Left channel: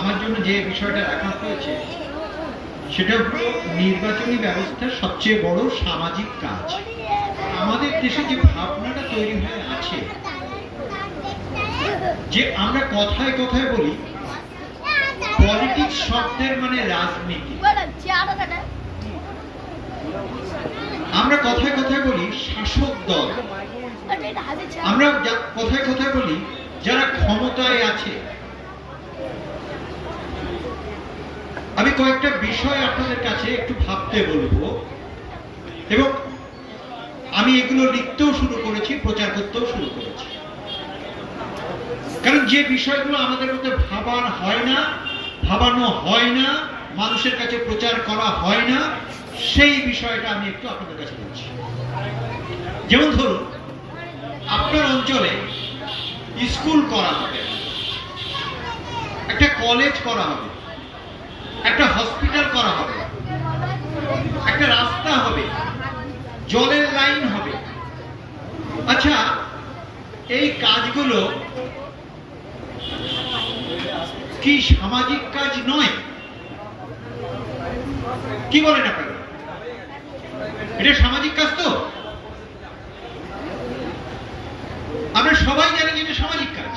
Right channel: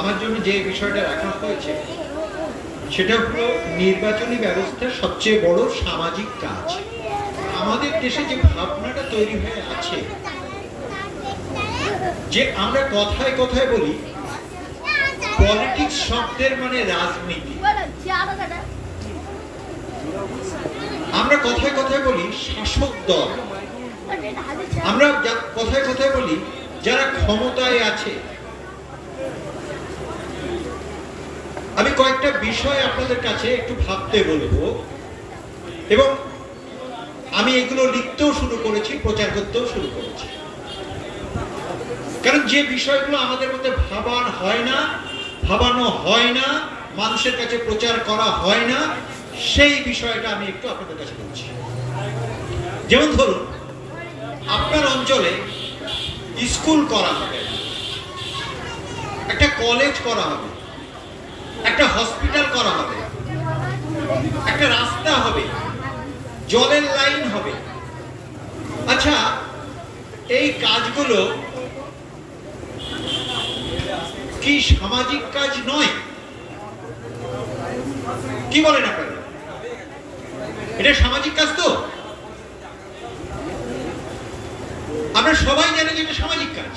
আমার জন্য যে বিষয়টা রাখা হয়েছে সেটা হলো নির্বাচনী ব্যবস্থার সবচেয়ে বড় সামাজিক কাজ। আমাদের দেশে যে ভাবনাটা তৈরি হয়ে আছে যে আমরা কথায় কথায় বলি পলিটিক্স শব্দের মানে রাজনীতি, আমরা কথায় কথায় বলি শাসক দল, আমরা কথায় কথায় বলি যারা ক্ষমতায় আছে। আমি কয়েকটা বিষয় আপনাদের কাছে একটু ভাবতে বলবো এবং আমি এগুলো লিখতেও শুরু করেছি, প্রচার করতেও শুরু করেছি। কারণ যে বিষয়গুলো আমাদের মধ্যে ভাবানো হয় না, মানুষের কাছে প্রচার করা হয় না, সেই বিষয়টা আমি একটু আপনাদের কাছে বলছি। যেমন ধরুন, আপনার অঞ্চলে স্কুল করা হবে, একটা কলেজ করা হবে, একটা হসপিটাল করা হবে, একটা রাস্তা হবে, জলের লাইন হবে। আচ্ছা, এই কাজগুলো কি সামাজিক কাজ নয়? কি বলেন আপনারা? এটা সামাজিক কাজ তো? আমরা সবাই জানি যে এটা সামাজিক কাজ।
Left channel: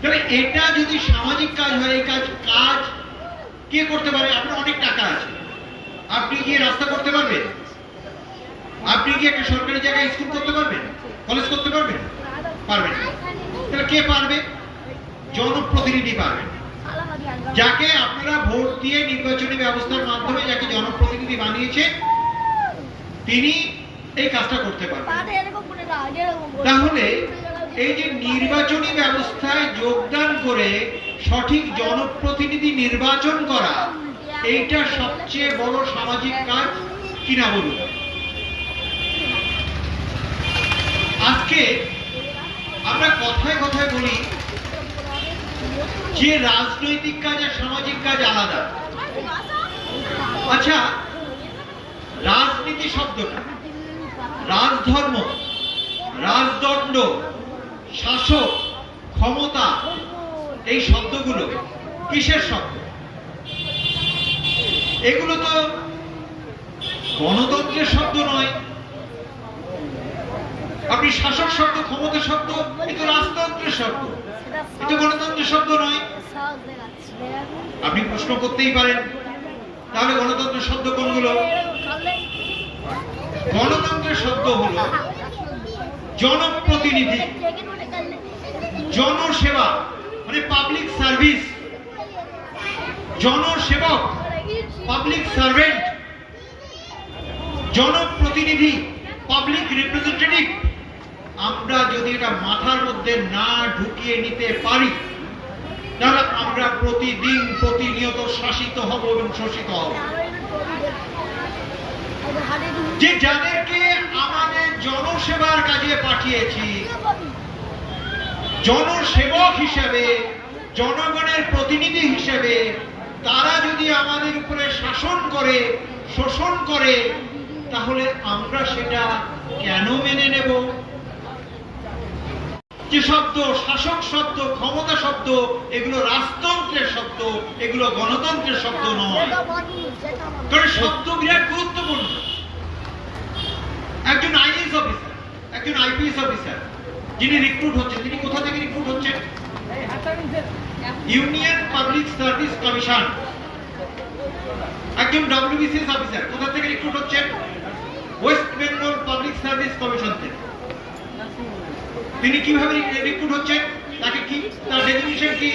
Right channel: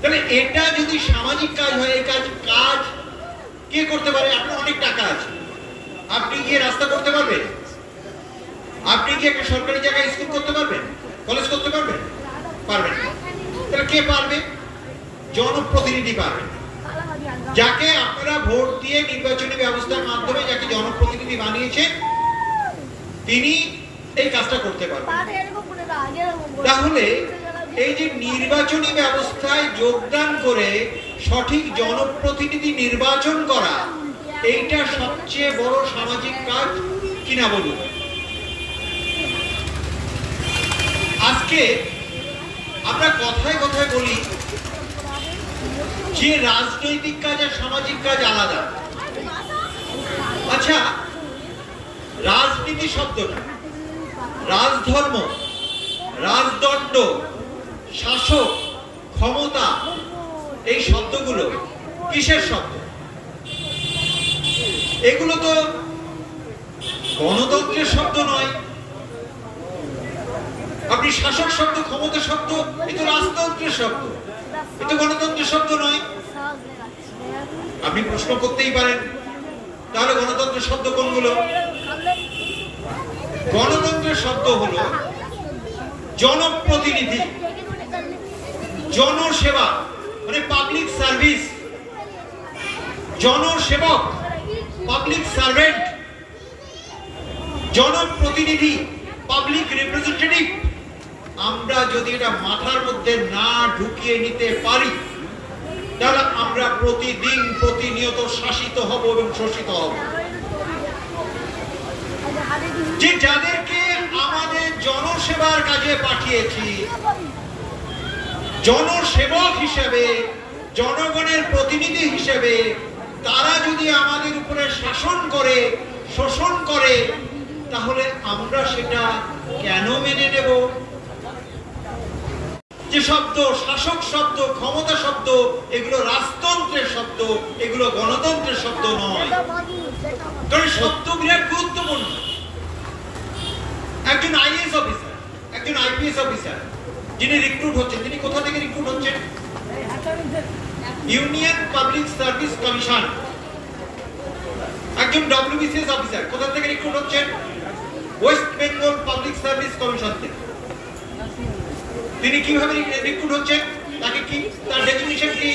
তাহলে এটা যদি সামাজিক কাজ হয়, এই কাজ কে করতে পারে? আপনার অনেক টাকা আছে, আপনি গিয়ে রাস্তা করতে পারবেন? আপনি কি একটা সরকারি জায়গায় স্কুল করতে পারবেন, কলেজ করতে পারবেন? পারবেন না। তাহলে কে পারবে? জনপ্রতিনিধি পারবে, যাকে আপনারা ভোট দিয়ে নির্বাচনী ব্যবস্থার মাধ্যমে যাকে জনপ্রতিনিধি বানিয়েছে তিনি এই কাজটা করতে পারবেন। তাহলে এই যে নির্বাচনী ব্যবস্থায় যোগদান করে সঠিক জনপ্রতিনিধি নির্বাচন করা, এইটা সবচেয়ে বড় সামাজিক কাজ কিনা বলুন? আজকে আমরা কথায় কথায় বলি যে রাজনৈতিক কাজ আর সামাজিক কাজ আলাদা। আচ্ছা, রাজনীতি শব্দটা, রাজধর্ম, রাজদণ্ড, শাসক, ক্ষমতা, এই শব্দগুলো কিসের শব্দ? এগুলো তো গণতন্ত্রের শব্দ নয়। আপনি শাসক শব্দ, ক্ষমতা শব্দ, এ তো রাজতন্ত্রের শব্দ, এ তো গণতন্ত্রের শব্দ নয়। আপনি প্রশ্ন করতেই পারেন, তাহলে গণতন্ত্রের শব্দ কোনগুলো? গণতন্ত্রের শব্দ হলো জনপ্রতিনিধি, জনসেবা, মানে পাবলিক সার্ভিস, জনসেবক, পাবলিক সার্ভেন্ট, জনপ্রতিনিধি, পাবলিক রিপ্রেজেন্টেটিভ। আমরা যদি এটা মাথার মধ্যে না ঢুকিয়ে নিতে পারি, তাহলে আমরা প্রতিদিন প্রতিনিয়ত শাসিত হব এবং শোষিত হব। যে যাদেরকে আমাদের জনসেবার কাজে পাঠিয়েছি, জনসেবক হিসেবে, জনগণের প্রতিনিধি হিসেবে, তারা যদি আমাদের উপরে শাসন করে, শোষণ করে, তাহলে আমরা সেটা কেন মেনে নেব? যে শব্দ, শাসক শব্দ, ক্ষমতা শব্দ, এগুলো রাজতন্ত্রের শব্দ, এগুলো গণতন্ত্রের শব্দ নয়। কারণ শব্দ বিরাট গুরুত্বপূর্ণ। একজন আইএএস অফিসার, একজন আইপিএস অফিসার যিনি রিক্রুট হচ্ছেন, তিনি কোথা থেকে রিক্রুট হচ্ছেন? Union public service commission. একজন ডব্লিউবিসিএস অফিসার কোথা থেকে রিক্রুট হচ্ছেন? West Bengal public service commission থেকে। তিনি কিভাবে রিক্রুট হচ্ছেন? তাকে কি, তার ডেফিনিশন কি?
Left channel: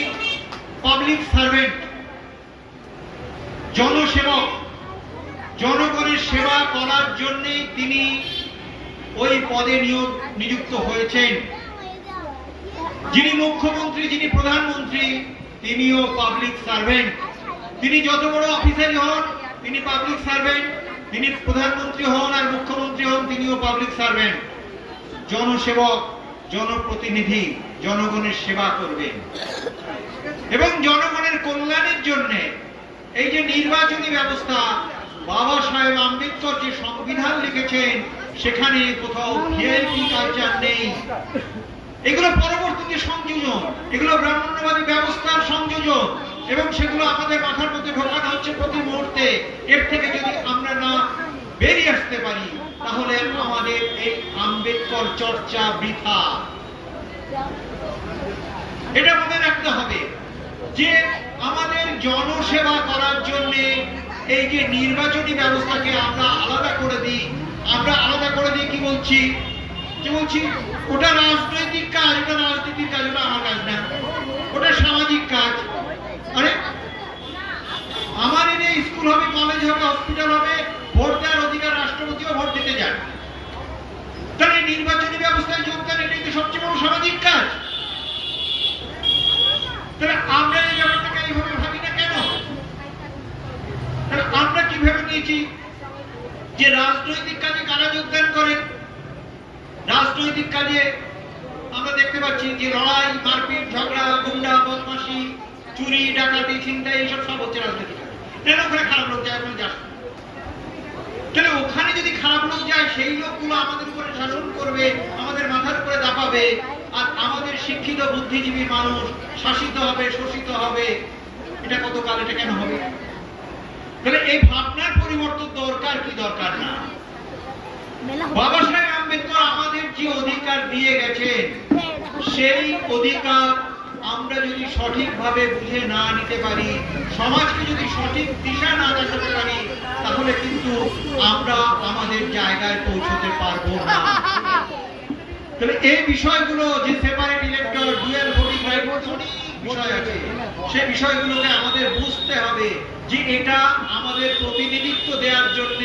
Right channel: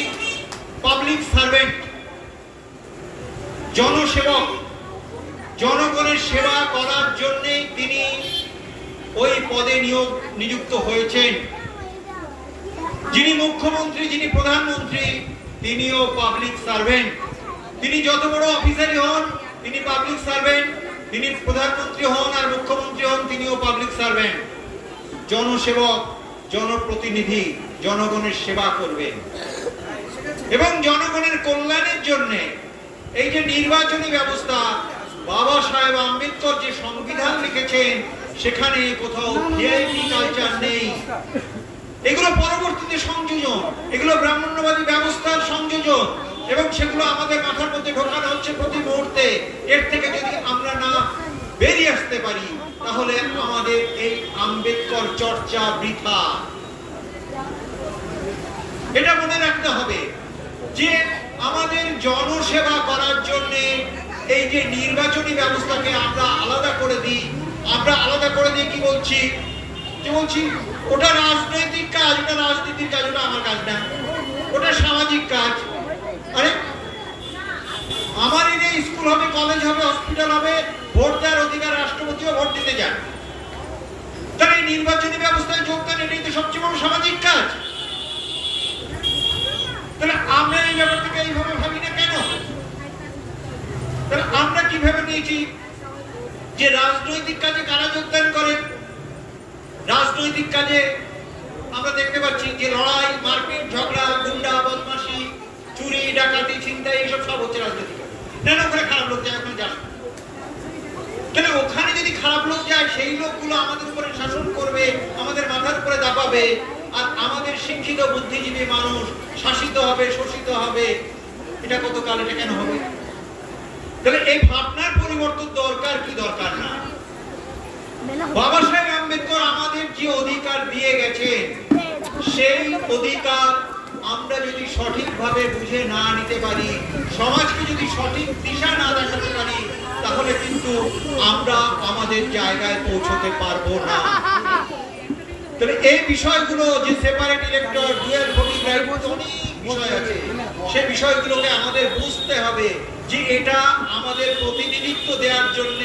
পাবলিক সার্ভেন্ট, জনসেবক। জনগণের সেবা করার জন্য তিনি ওই পদে নিযুক্ত হয়েছেন। যিনি মুখ্যমন্ত্রী, যিনি প্রধানমন্ত্রী, তিনিও পাবলিক সার্ভেন্ট। তিনি যত বড় অফিসারই হন, তিনি পাবলিক সার্ভেন্ট। তিনি প্রধানমন্ত্রী হন আর মুখ্যমন্ত্রী হন, তিনিও পাবলিক সার্ভেন্ট। জনসেবক, জনপ্রতিনিধি, জনগণের সেবা করবেন এবং জনগণের কল্যাণের জন্য এই যে নির্বাচনী ব্যবস্থা, বাবা সাহেব আম্বেদকর যে সংবিধান লিখেছেন, সেখানে কোথাও ভিআইপি কালচার নেই। এগুলো পরবর্তীতে সংযোজন, এগুলো ব্রাহ্মণ্যবাদী ব্যবস্থার সংযোজন। এবং সেগুলো আমাদের মাথার মধ্যে ঢোকানো হচ্ছে প্রতি মুহূর্তে। এর থেকে যদি আমরা না বেরিয়ে আসতে পারি তাহলে আমাদের এই আম্বেদকর চর্চা বৃথা। এটা মনে রাখতে হবে যে আমাদের জনসেবা করার জন্য এই যে নির্বাচনী ব্যবস্থাকে আমরা আলাদা করে দিই, কি বলছি ওটা রাজনৈতিক কাজ, ওটা রাজনীতির কাজ, ওটা আমার কাজ না, ওটা সামাজিক কাজ। আরে আমার এনে স্কুল হবে, কলেজ হবে, হসপিটাল হবে, ভোট দেওয়ার অধিকার রাষ্ট্রপতিও ভোট দিতে যান। তাহলে এই নির্বাচনী ব্যবস্থায় যোগদান এটাই তো সবচেয়ে বড় সামাজিক কাজ। তাহলে আমরা এই ব্যাপারটাকে এইভাবে ভাবি না কেন? তাহলে আমরা কিভাবে নিয়েছি যে রাজনৈতিক কাজে কারা যোগদান করে? রাজনৈতিক কাজে আমরা দেখতে পাচ্ছি যে লড়াই, মারপিট, ঝগড়া, গুন্ডা, বদমাশি, চুরি, ডাকাতি, ছিনতাই এইসব সব হচ্ছে রাজনৈতিক কাজ। কেন ওখানে খারাপ লোক যায়? ওখানে যাস না। তাহলে ওখানে যদি খারাপ লোক যায় সেই লোকগুলো আমাদের উপরে শাসন করবে, আমাদের মাথার উপরে দাপাবে, আর আমাদের শিক্ষিত বুদ্ধিজীবী মানুষ শাসিত হবে, শোষিত হবে। এটা কতকাল? এটা কেন হবে? তাহলে এই ভাবনার পরিবর্তন দরকার কি দরকার না? বাবা সাহেব আম্বেদকর আমাদের যে অধিকার দিয়ে গেছেন সেই অধিকার আমরা যদি সঠিকভাবে বুঝে না নিতে পারি, সমাজকে যদি সঠিক দিশা না দেখাতে পারি, তাহলে কিন্তু আমরা আমাদের জায়গায় পৌঁছতে পারবো না। তবে এই বিষয়গুলো যে separate elector, dual voting right, অনেক বিষয় আছে, সেই বিষয়গুলোকে আমাদের বুঝতে হবে যে এটা আমাদের প্রতিনিধিত্ব দেওয়ার জন্য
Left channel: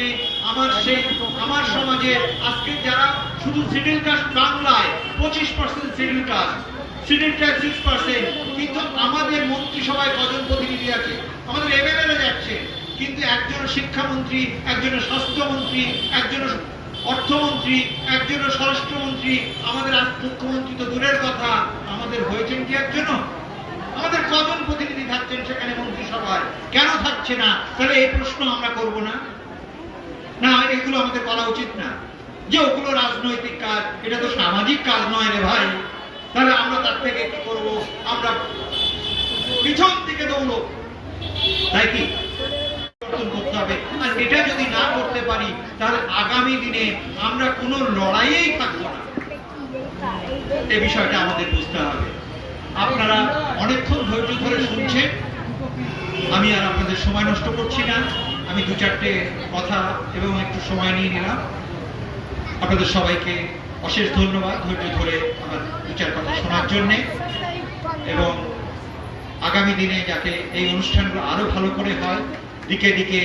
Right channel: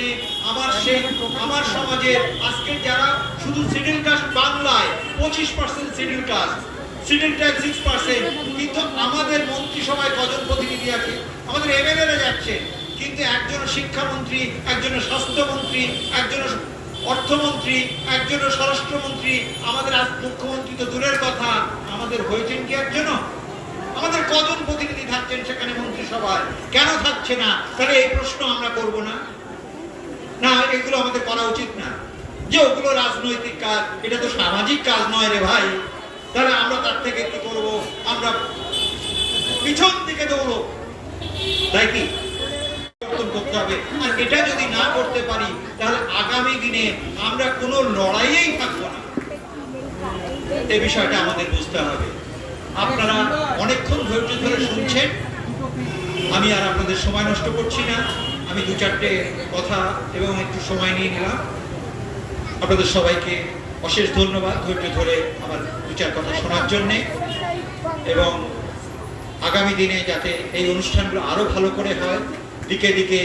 আমার সমাজে আজকে যারা শুধু শিডিউল কাস্ট বাংলায় 25% শিডিউল কাস্ট, শিডিউল ট্রাইব 6%, কিন্তু আমাদের মন্ত্রিসভায় কজন প্রতিনিধি আছে? আমাদের এমএলএরা যাচ্ছে, কিন্তু একজন শিক্ষামন্ত্রী, একজন স্বাস্থ্যমন্ত্রী, একজন অর্থমন্ত্রী, একজন স্বরাষ্ট্রমন্ত্রী, আমাদের মুখ্যমন্ত্রী তো দূরের কথা, আমাদের হয়েছেন কি একজনও? আমাদের কজন প্রতিনিধি থাকছেন সেখানে মন্ত্রিসভায়? কেন থাকছে না? তাহলে এই প্রশ্ন আমরা করব না? না, এগুলো আমাদের করা উচিত না। যে ওগুলো রাজনৈতিক কাজ, এটা তো সামাজিক কাজ নয় রে ভাই। তাহলে আমরা তার থেকে কি করব? আমরা পিছন থেকে দৌড়ো, তাই কি? করতে হবে। আর এটা যদি না করতে পারি তাহলে আগামী দিনে আমরা কোনো লড়াইয়েই থাকবো না। এই বিষয়টা আমাদের বুঝতে হবে। আপনারা অনেকক্ষণ ধৈর্য ধরে শুনছেন, আমি আর আপনাদের সময় নষ্ট করছি না। আমি দু চারটে কথা এবং একটু সময় নিয়ে নিলাম। আপনাদের সবাইকে অশেষ ধন্যবাদ ধৈর্য ধরে আমার দু চার কথা শোনার জন্যে, এবং আগামী দিনে যাতে এই অনুষ্ঠানগুলো আরো ভালো করে হয়, দিকে দিকে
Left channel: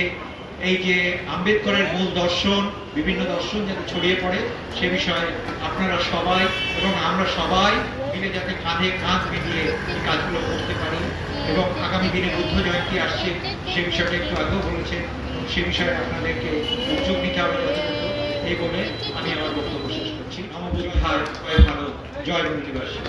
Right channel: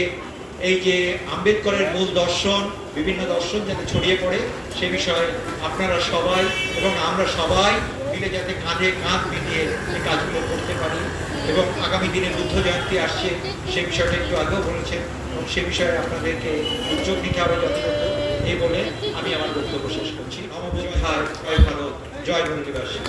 এই যে আম্বেদকরের মূল দর্শন, বিভিন্ন দর্শন যাতে ছড়িয়ে পড়ে, সে বিষয়ে আপনারা সবাই এবং আমরা সবাই মিলে যাতে কাঁধে কাঁধ মিলিয়ে এই কাজগুলো করতে পারি। এবং আগামী দিনে বুদ্ধ জয়ন্তী আসছে, সে বিষয়টা একটু আগেও বলেছে, এবং সে বিষয়ে আপনাদেরকে উদ্যোগ নিতে হবে যথাযথ। এই বলে আমি আমার বক্তব্য শেষ করছি। আমার জয় ভারত, জয় বঙ্গবাসী।